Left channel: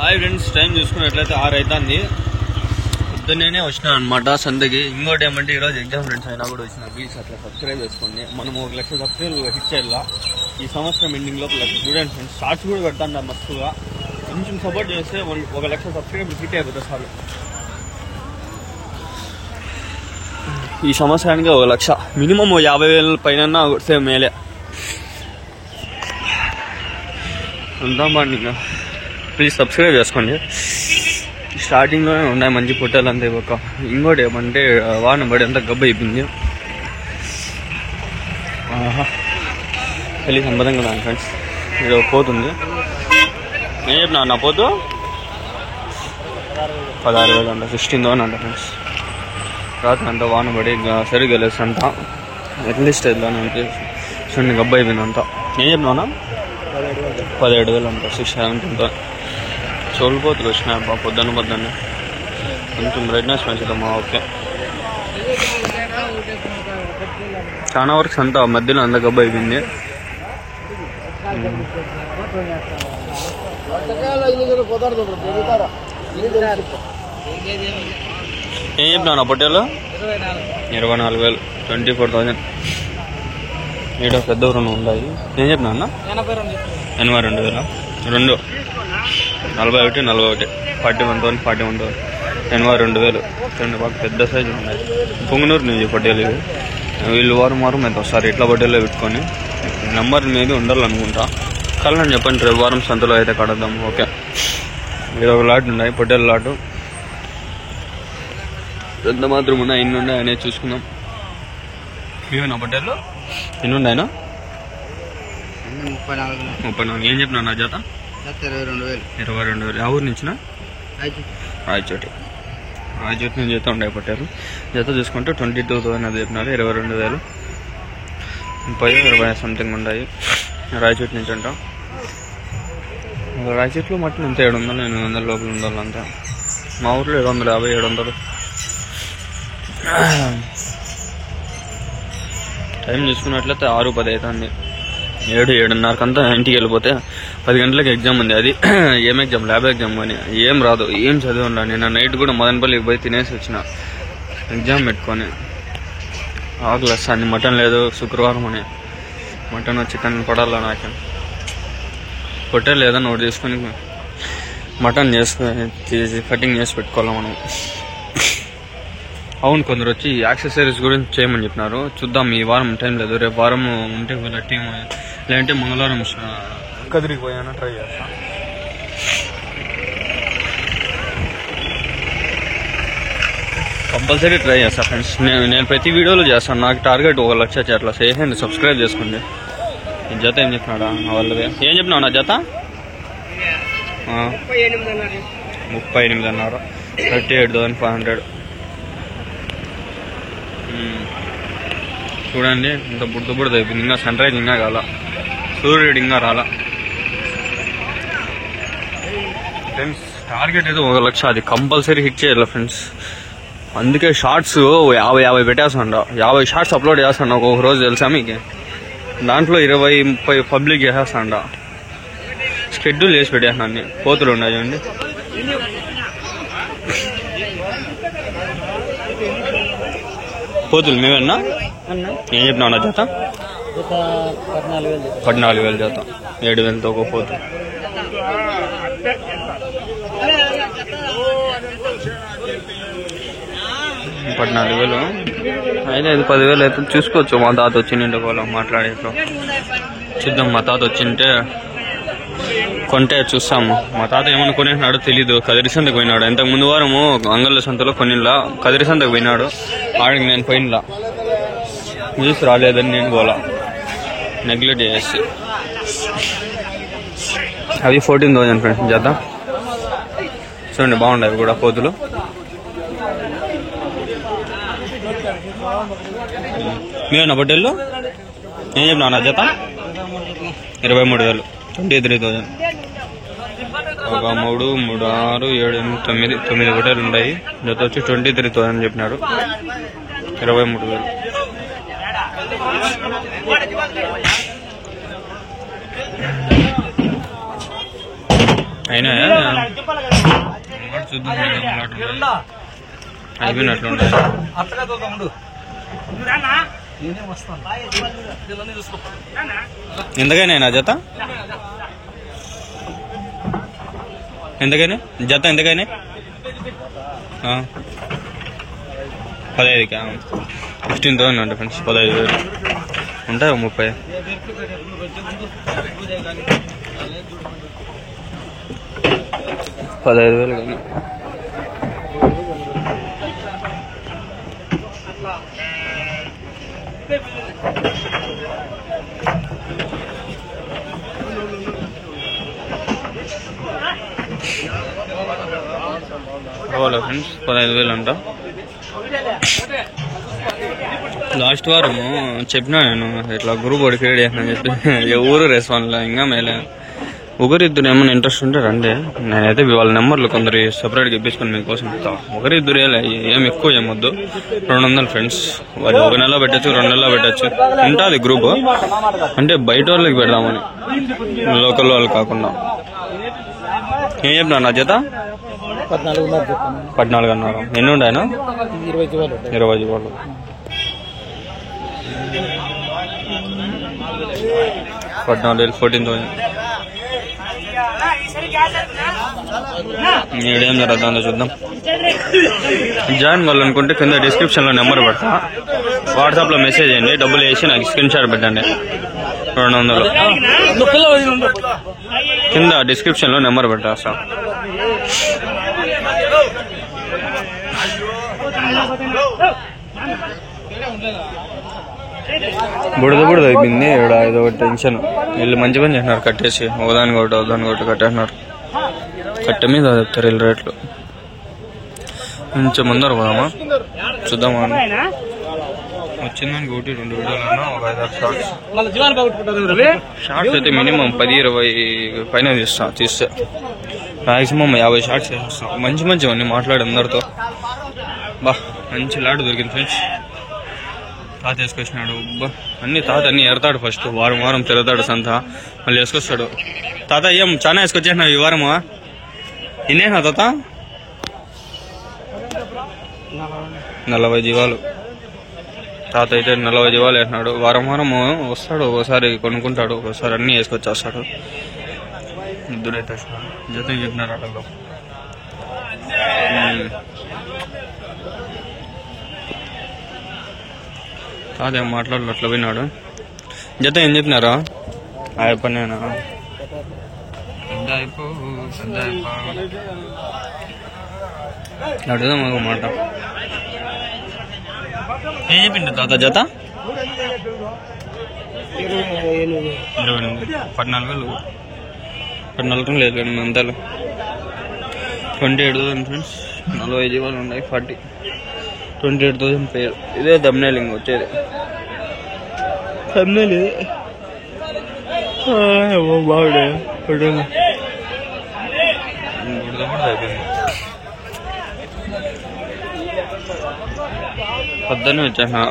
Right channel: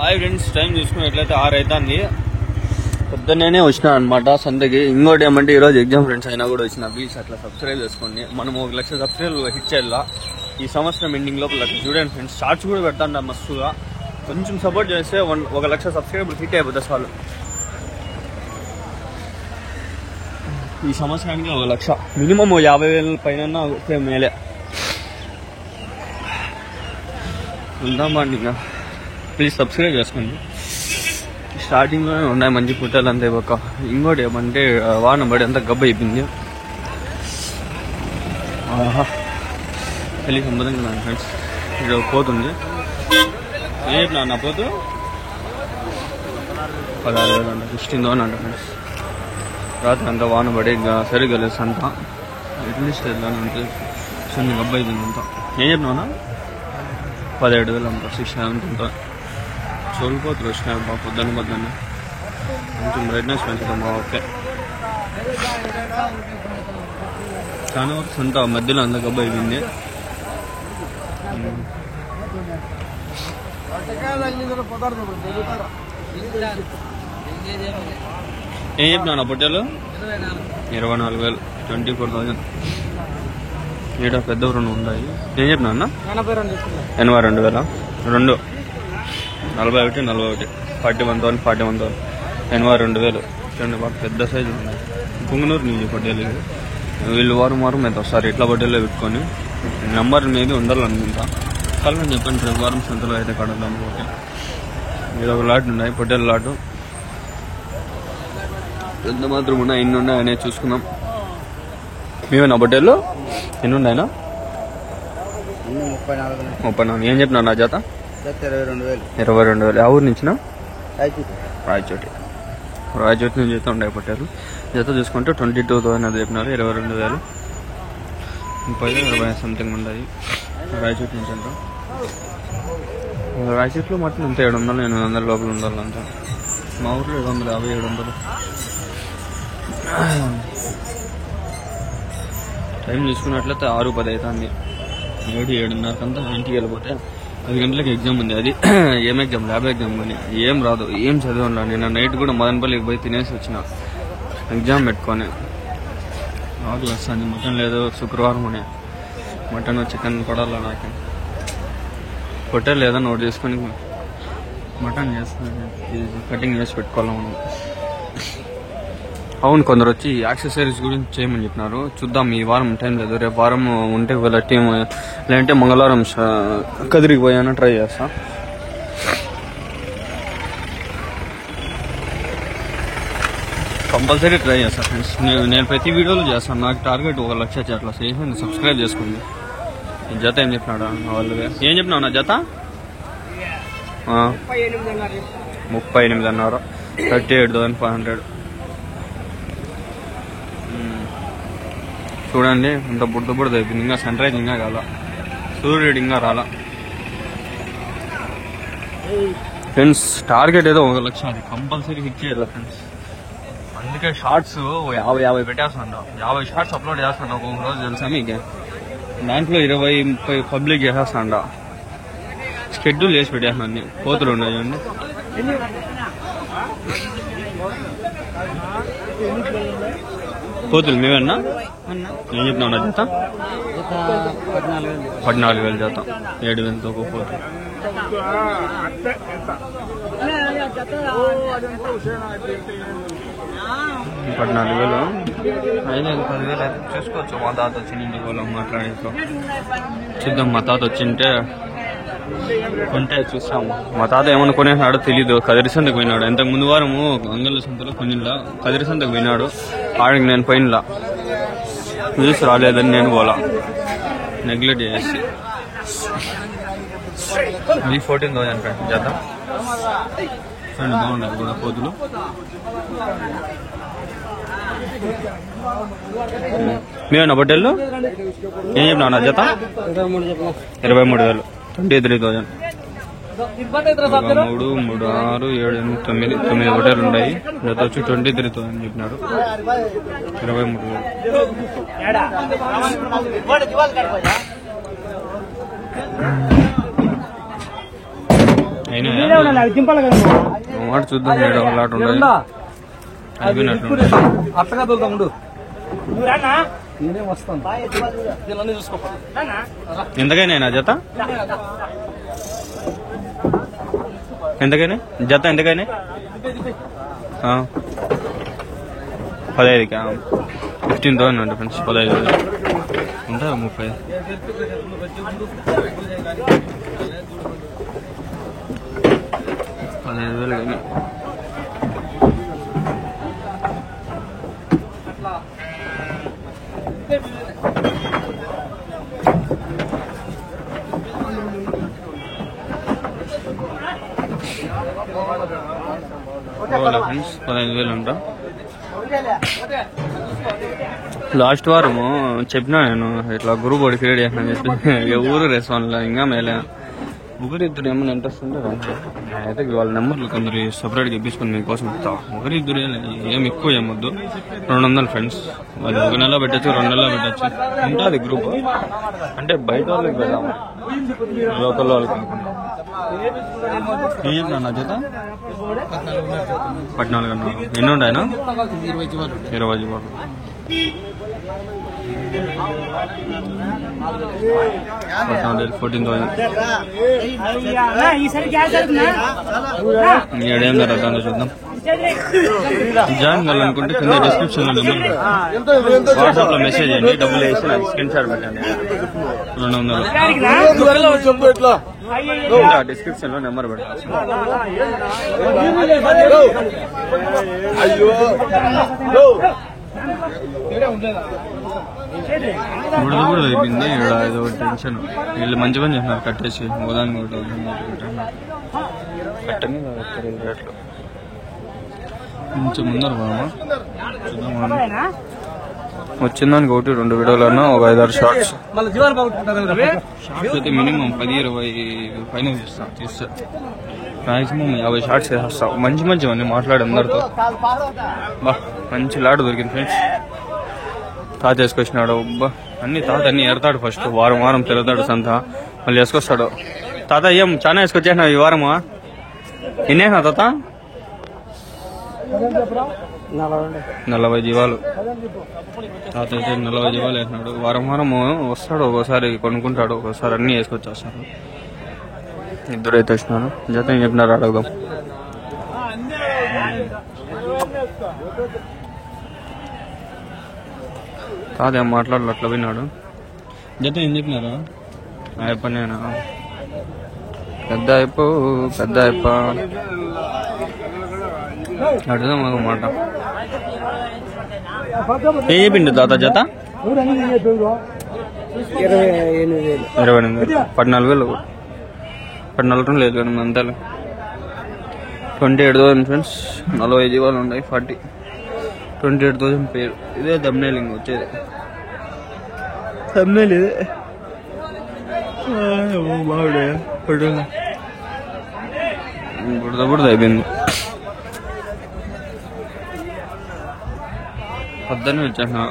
Hi friends, time చూసుకున్నట్లయితే 6 అవుతుంది. పొద్దున్నే వచ్చినా అనమాట సంతకి. ఇంకోటి ఏమంటే ఈరోజు ఎగ్జామ్ ఫ్రెండ్స్ అయినా కూడా వచ్చిన. ప్లీజ్ అట్లా సబ్స్క్రైబ్ చేసుకోండి. మనం 1,00,000 సబ్స్క్రైబ్ హిట్ చేయాలా ఈ సంవత్సరం ఎండింగ్ లోపల. చూడండి ఫ్రెండ్స్, షార్ట్స్ కూడా పెడతాను మస్తుగా. కొంచెం సపోర్ట్ చేస్తే 1,00,000 సబ్స్క్రైబర్ హిట్ అయిపోతుంది చాలు. ఈ సంవత్సరానికి 1,00,000 మినిమం 50,000 పైన వస్తే మేలే. ఇంకా ప్లీజ్ సబ్స్క్రైబ్ చేసుకోండి. స్టార్టింగ్లోనే ఉన్నాయి మంచి పుట్టాలు అంతే. ఒక ఇంకోటి ఏమంటే వాన పడి అంతా గబ్బు అయిపోయింది. పెళ్ళి సంబంధంగా ఉన్నాను ఫ్రెండ్స్. ఇక్కడ పోతుంది. ఏం చెప్పినా నా పోతు 16,000 అంట, 16,000 అంట ఫ్రెండ్స్. రాత్రి అంతా వాన పడి సరిగ్గా లేదు అంతా. ఎట్లీస్ట్ వెళ్ళాను అంటే చూడండి గబ్బు అయిపోయింది అంతా. ఏం చెప్పినా 17,000 అంట, 17,000. చోలిపోతులు వచ్చినాయి బా పొద్దున్న. కొంచెం బ్రైట్నెస్ పెంచుతామా? ఓకే. చాలా వరకు అంతా మధ్యలో అంత గబ్బు అయిపోయింది. ఏం చెప్పినా నా పొట్టేలు 24,000, 24,000. ఈడ పెద్ద రెండు ఉన్నాయి. ఏం చెప్పినా అన్న 82,000, 2 41, 41,000, 41,000, 82,000. రెండు బాగా పెద్ద సైజులు ఉన్నాయి. పొంగనూరు నుంచి పొట్టేలు ఇవి. వీళ్ళు వారం అయితే వస్తారు ఇట్లా పొట్టేల్లో పెట్టుకొని. నెంబర్ మీద ఉండాలనుకుంటా. కళ్ళని చెప్పండి, రేపు వారం సంతలో అయితే కడదాము. ఓకే. ఇది ఒక లాట్ ఉన్నాయి, పొట్టేల లాటు. ఎంత మాత్రం ఉన్నాయి, ఎన్ని ఉన్నాయి అనేది చూసుకుందాం. మేమేనా పొట్టేళ్ళు ఎన్ని ఉన్నాయినా? 34. ఏం చెప్పినా నా జత 22,000. ఆ ఊరు నుంచిన రాయచోటి నుంచి జత ఉండే పొట్టారు. జత చూసుకుంటే 22,000 అది చెప్పినారు. 22,000, 30, 20 సంథింగ్ ఉన్నాయి. రాయచోటి నుంచి అంట. రాయచోటిలో మటన్ అంతే 700, 800 లోపల ఉండాలంటే. మా ఊర్లో 750, 700. టైం చూసుకున్నట్లయితే 6:10 అవుతుంది. 7:30 ఇంటికి వెళ్ళిపోతే 10 గంటలకు ఎగ్జామ్ ఉంది. అది ఏం ఎగ్జామ్? Lab exam. కానీ ఏం రాదు, ఏం చదివిలా. నిన్న నైట్ కూడా మదనపల్లికి పోయి తినేసి వచ్చిన ఎగ్జామ్ పెట్టుకొని. ఆకలిస్తాను. మటన్ లేదు శుక్రవారం అని. మటన్ చికెన్ పడాలా నాకే. పొట్టేలు లేదని ఒకటి తీసుకొని మటన్ చేసుకొని కటింగ్ చేసి పెట్టుకోవాలి మనం. అవును, కొందరు వచ్చి యాక్సెసరీస్ గురించి చేయమని చెప్పినారు. చూద్దాం. ఈ వారం టైం లేదు, రేపు వారం ఉంటే వీళ్ళ టీం, లేదంటే మంగళవారం కదిరికి పోయాను ట్రై చేస్తా. కంపల్సరీ ట్రై చేస్తా ఫ్రెండ్స్. నేను ప్రతి వీడియోలో చేస్తాను. నాకు టార్గెట్ 1,00,000 అట్లా చేయండి. సబ్స్క్రైబ్ చేసుకోండి. జత ఏం చెప్పినాడా వాళ్ళది? ఏం చెప్పినావు నా జత? 38,500, 38,500. చూడండి ఇంత బుడద అయిపోయింది. ఇంకా సన్ రైజ్ ఇంకా కాల, సూర్యుడు ఇంకా రాలా ఫ్రెండ్స్. టార్గెట్ ఏదో 1,00,000, అది కంపల్సరీ హిట్ చేయాలి ఫ్రెండ్స్. అందుకే షార్ట్స్ 50 పెట్టేస్తాండ. 50 షార్ట్స్ అప్లోడ్ చేస్తాను ఒక్కొక్క రోజు, తెలుసా మీకు? దాంట్లో 20-30 పబ్లిక్ చేసేస్తాండ. షెడ్యూల్ చేసి పెట్టేస్తాను అన్ని. కోతులు ఉన్నాయి చూడండి. కోతులు మేమన్నా? ఏం చెప్పినావు నా జత? 14,000 జత. 7,000తో ఒక పోతు. $14,000 అయితే 10,000 అయితే చూసుకోవచ్చు. మా తాత వచ్చిండే వాళ్ళ మాట్లాడేట్లో చూద్దాం. మా తాత వచ్చింటే కొంటే చూస్తాము. మా తాత ఏమన్నా కొనేసినాడో తెలీదు. కదిరి సంతకు పోయినాడు. ఇంతకు ముందు వారము అంగళ్ళ సంతలో కొన్నిలా కదిరి సంతకు పోయినాడు. ఆడికి నేను పోయినలా, న్యూస్ రాలేదని నేను పోలా, నెగ్లెక్ట్ చేసి. అవి 14,000 ఫ్రెండ్స్ జత. చూడండి బాగుండవు కూడా పోతులు. మేమన్నా పొట్టేళ్ళు ఏం చెప్పినా నా జత? 23,000, 23,000. 1, 3, 3, 6, 7, 8, 9 పొట్టేలు ఉన్నాయి. జత వచ్చి 23,000 చెప్పినారు. 23,000. అయినాయా మాట చూద్దాం మేడం అలాంటి ఉండదు అయిపోయినట్లుండదు ఎంతకైనా జత ఎంతకైనా జత ఎంతకైనా 15కి 15,000 అండి ఫ్రెండ్స్ 15,000 ఉంటాయి 30 15,000 కానీ ఫ్రెండ్స్ 15,000 అంట. లాస్ట్ వారము చెప్పినా నేను ఇట్లా గ్రూప్ ఒకటి క్రియేట్ చేసిన చెప్పి ఎవరు రెస్పాన్స్ ఇంకా మేలే ఒకరిద్దరు ఏమైనా ఇంట్రెస్ట్ ఉంటే రండి. నేనైతే వాళ్ళ నెంబర్లు కొందరు సపరేట్గా ఇప్పించుకొని మీకోసం ఇస్తా. ఒకరిద్దరు ఏం ఎక్కువ ఏమొద్దు 200 ఫ్రెండ్స్. అది 1 నెల పెట్టచ్చు 2 నెలలు పెట్టచ్చు ఉంటుంది గ్రూప్. అంటే బయట వాళ్ళకి పెడదామని లోకల్ వాళ్ళు కాకుండా. ఏం చెప్పినా నా చేత 14 అన్నారు. ఎన్ని ఉంటాయనా 20 వాళ్ళు. $14,000 14,000 ఏడేం జరుగుతుందో చూద్దాం. జాయిన్ కావాలనుకుంటే కింద డిస్క్రిప్షన్ లో నెంబర్ పెడతా, వాట్సాప్ లో మెసేజ్ చేయండి, డబ్బులు వేసి నాకు స్క్రీన్ షాట్ పెట్టండి. 200 కింద డిస్క్రిప్షన్ లో నెంబర్ పెట్టా సార్. బుడద అయిపోయింది ఇక్కడ. ఏదో టెన్షన్. వీళ్ళు మంచి పని చేస్తున్నారు, కట్టేసి ఓదాని ఒకటి కట్టేస్తున్నారు. కట్ట మీద చెప్తారు వీళ్ళు రేట్లు. కొంచెం ముందర పోదామా చూద్దామా. వచ్చిందానికి 1-2 వీడియోలన్నా ఒక 5-6 షార్ట్స్. షార్ట్స్ అయితే మినిమం 10-20 పైన తీస్తే మాక్సిమం 50 షార్ట్స్ చేసేస్తా. మంచివన్నీ మాట్లాడి అందరితో. మంచి లాడ్ దొరికింది ఫ్రెండ్స్. తాత వేసుకొచ్చినాడు. అన్ని తాత అన్ని ఎడతాడు. ఫస్ట్ వారం తిరుగుతాడు సంత, మళ్ళీ వేసుకొస్తాడు. తాత ఏం చాలా వేసుకొచ్చేసినావు ఈ వారమా? ఎన్నేనా తాత? 40 జీవాలు. తాత అయితే 40 జీవాలు వేసినాడు. వారం వస్తాడు. ఒకసారి కొనుక్కుంటాడు, ఒకసారి అన్ని వేసుకొచ్చేస్తాడు. ఇద్దరైతే వేసినాడు. జత ఏం చెప్పినారు అడుగుదాం. తాత ఏం మాట్లాడలు అట్లా పోయినాడు. జత ఏం చెప్పినారా? ఆయప్పనేనా? పెద్ద అయిపో అడుగుదాం ఒక మాట. ఏం చెప్పిండు తాత జత? 28,000 14,000 లేదు కానీ అంతలే. 28,000 ఫ్రెండ్స్. 40 జీవాలు ఉన్నాయి. 28,000 పేరు. ఇదే థంబ్నెయిల్ వచ్చేది. థంబ్నెయిల్ ఇదే. బాగుడే బుడద అయిపోయింది. పొద్దున్నే వచ్చాను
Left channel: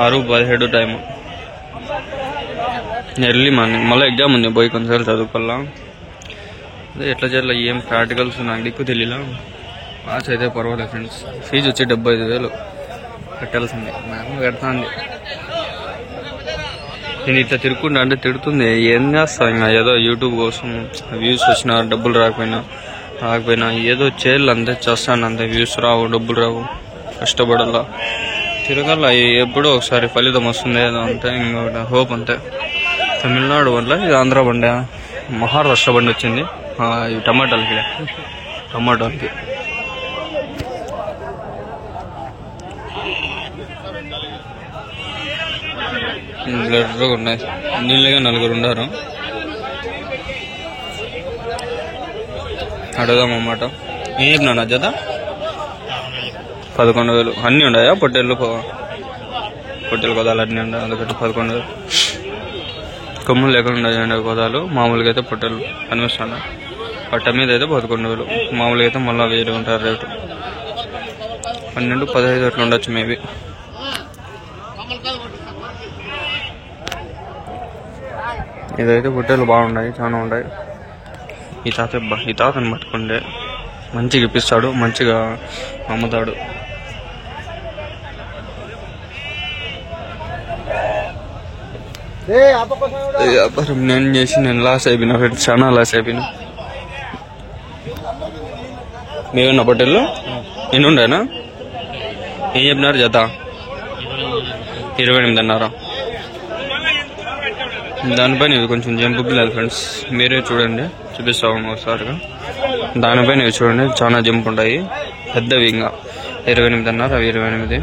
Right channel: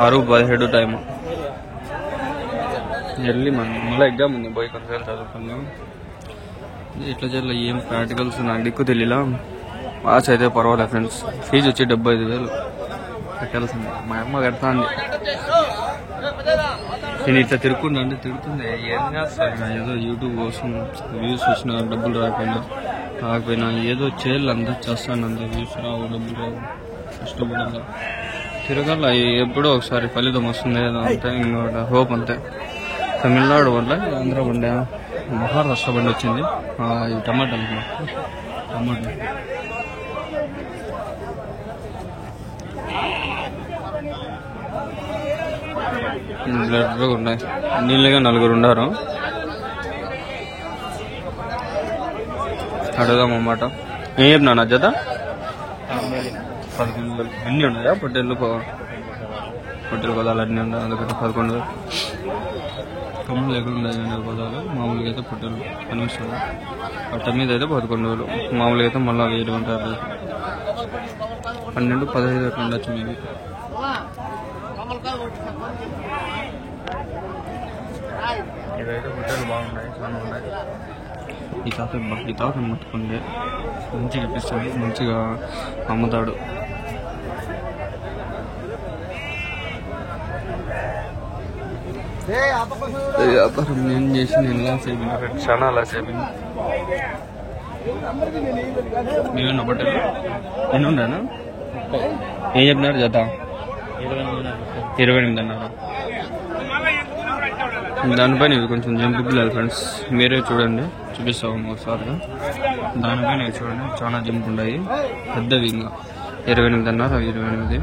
6:17 టైము. Early morning. మళ్ళీ ఎగ్జామ్ ఉంది, పోయి కొంచెం చదువుకోవాలా. అదే ఎట్లా చేయాలి ఏం ప్రాక్టికల్స్ నాకు దిక్కు తెలియలా. పాస్ అయితే పర్వాలేదు ఫ్రెండ్స్. ఫీజు వచ్చి 75,000 కట్టాల్సింది. మా అమ్మ కడతాంది. నేను ఇట్లా తిరుక్కుంటా అంటే తిడుతుంది. ఏం చేస్తా ఇంకా ఏదో యూట్యూబ్ కోసం వ్యూస్ వచ్చినా డబ్బులు రాకపోయినా ఏదో చేయాలి అంతే. చేస్తాను అంతే. వ్యూస్ రావు, డబ్బులు రావు, కష్టపడాలా, తిరగాల. ఎప్పుడో ఒకసారి ఫలితం వస్తుంది ఏదో అంతే. ఇంకొకటి హోప్ అంతే. తమిళనాడు వల్ల ఇది ఆంధ్ర బండి, మహారాష్ట్ర బండి వచ్చింది. ఇవి టమాటాలకి బ్లడ్గా ఉన్నాయి. నీళ్ళగా 4 ఉన్నారు. అడుగుదాం అన్నమాట. ఏం చెప్పినా నా జత? 11,000. అన్నీ ఉన్నాయా? పొట్టేళ్ళు కొదాలు అన్నీ ఉన్నాయి. అందుకని 11,000. కొమ్ములు లేకుండా ఉన్నాయండి కొదాలు. మామూలుగా అయితే పొట్టేళ్ళు కనిపిస్తున్నాయి. పట్ట మీద అయితే 11,000. మామూలుగా అయితే మళ్ళీ 1000 ఉంటారు రేటు. 12-15 అట్లా ఉండొచ్చు మేబీ. ఇదైతే పొట్టేళ్ళు బాగున్నాయి, చాలా ఉన్నాయి. ఈ తాతని పట్టుకుంటే మంచిగా ఇప్పిస్తాడు, మంచిగా అమ్ముతాడు. వ్యాపారం నేను చేసి నేను లాస్ అయిపోయినా ఫ్రెండ్స్, చాలా లాస్ అయిపోయినా. మేమున్న పొట్టెల్లో ఎన్ని ఉండేనా? ఏం చెప్పినారు జత? 28.5. దానిపైన ఇవి కొంచెం జంపు పిల్లలు ఫ్రెండ్స్, మీరే చూడండి, చూపిస్తాము ఒకసారిగా. దానిపైన ఇవి చూడండి, చాలా జంప్ ఉంటాయి పెద్దవి. ఇంకా 28.5 అవి 28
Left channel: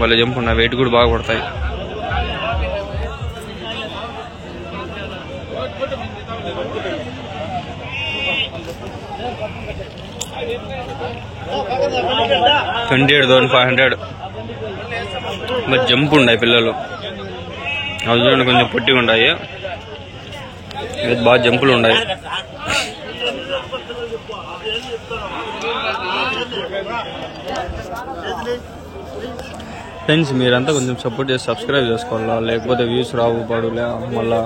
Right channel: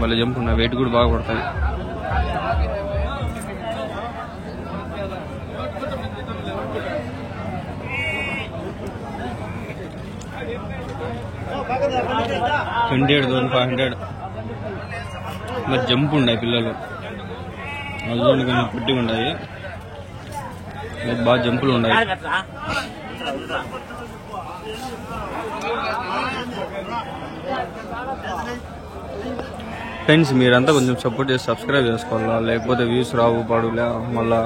వాళ్ళ జంప్ ఉన్నాయి, వెయిట్ కూడా బాగా పడతాయి. $28,500 మరి జంప్ ఉన్నాయి పిల్లలు. అవి చూడండి కొంచెం పొట్టిగా ఉన్నాయి, బాగా జంపులు ఉన్నాయి. ఫ్రెండ్స్ మీరంతా కొంచెం సపోర్ట్ చేసి సబ్స్క్రైబ్ చేసుకోవాలా, లేకపోతే వ్యూస్ రావు పాడులే, మళ్ళా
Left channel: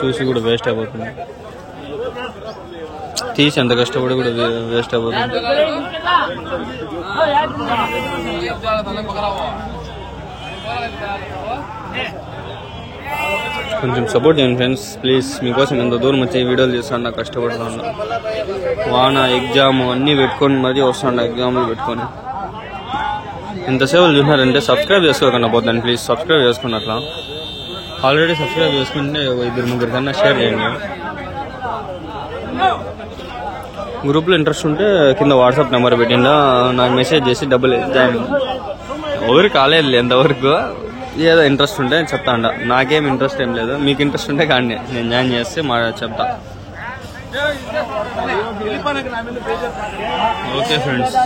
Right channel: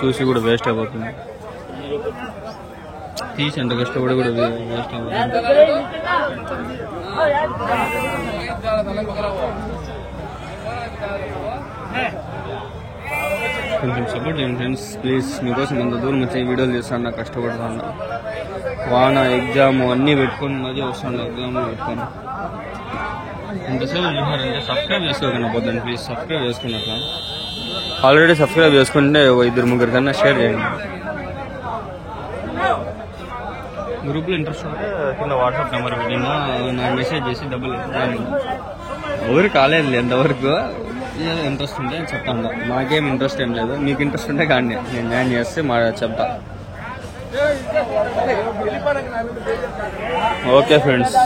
చూసి కూడా వేస్ట్ అయిపోతుంది. తీసి ఎంత కష్టపడి కూడా వేస్ట్ అయిపోతుంది. కొంచెం సపోర్ట్ చేయండి ఫ్రెండ్స్ ప్లీజ్. మీకోసం ఎంత దూరం వచ్చి వీడియోలు చేస్తాను, నాకు కష్టపడుతున్నా. వాన ఎగ్జామ్ అన్నీ పెట్టుకొని మరీ వస్తాను, ఎగ్జామ్లు పెట్టుకొని. ఎంతసేపు చూసినారంటే సబ్స్క్రైబ్ చేసుకోకుండా పోతాను ప్లీజ్, సబ్స్క్రైబ్ చేసుకున్నట్లా. ఆల్రెడీ సబ్స్క్రైబ్ చేసుకుంటే 2-3 కన్నా షేర్ చేయండి. గ్రూప్లో ఇంట్రెస్ట్ ఉంటే కింద వాట్సాప్ నెంబర్ పెట్టిందా, నాకు మెసేజ్ చేసి డబ్బులు జాయిన్. ఎవరు కాలేదు ఎంతవరకు, ఏదో ఇంట్రెస్ట్ ఉంటే చెప్తా అంట. నాకేం ఇంట్రెస్ట్ ఏం లేదు, మీకు ఇంట్రెస్ట్ ఉంటే కానీ నేను జాయిన్ చేస్తే చెప్తా. Okay friends.